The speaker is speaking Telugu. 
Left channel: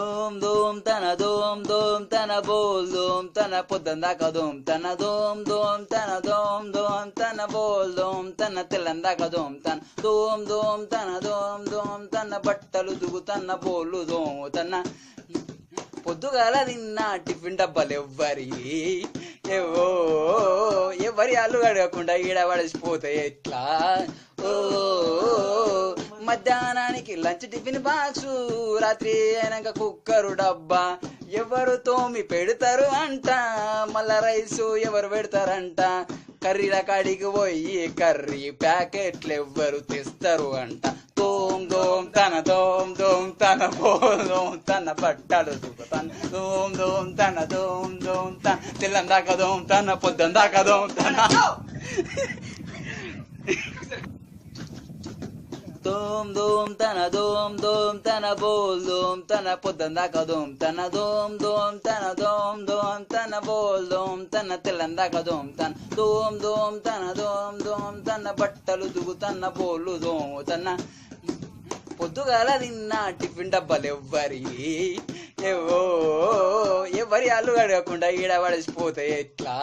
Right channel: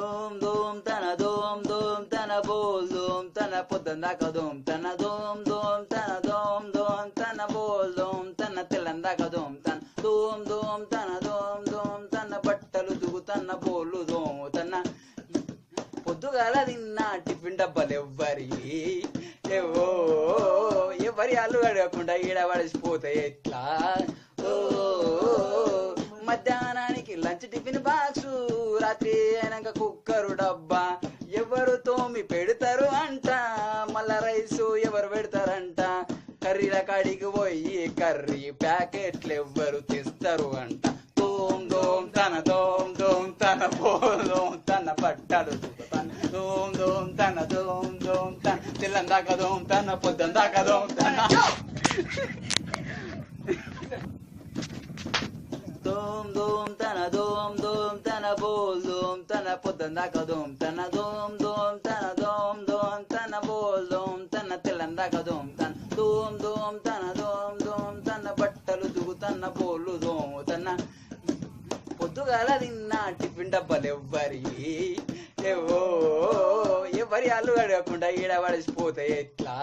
దోమ్ దోమ్ తన బోల్ దోమ్ తన పొద్దందాక దోమ్ తన దోమ్ దోమ్ తన బోల్ దోమ్ తన తెల్లందాక దోమ్ తన బట్టలు దుగుతన్న బోళ్ళు దోమ్ తన పొద్దుగాల తిన్న టిఫిన్ డబ్బాలు ఎవరి అల్లు అడగకుండా ఈడ పడిసిపోతాయి ఎట్లా. ఓ మధ్యాహ్నానికి లంచ్ టిఫిన్ బాక్సు, రాత్రి అయినాక కుక్కరు డబ్బా ఎవరు తోమి పెడతారు అంట, మళ్ళా రైసు ఎవరు పెడతారంట, కర్రీల కాడికి పోయి కర్రీ ప్యాకెట్లు ఎవ్వరు తెస్తారు అంట. దోమ్ దోమ్ తన బోల్ దోమ్ తన పట్టాడు దోమ్ దోమ్ తన తెల్లందాక దోమ్ తన పొద్దందాక దోమ్ తన దోమ్ దోమ్ తన బోల్ దోమ్ తన పొద్దందాక దోమ్ తన దోమ్ దోమ్ తన బోల్ దోమ్ తన తెల్లందాక దోమ్ తన బట్టలు దుగుతన్న బోళ్ళు దోమ్ తన పొద్దుగాల తిన్న టిఫిన్ డబ్బాలు ఎవరి అల్లు అడగకుండా ఈడ పడిసిపోతాయి ఎట్లా.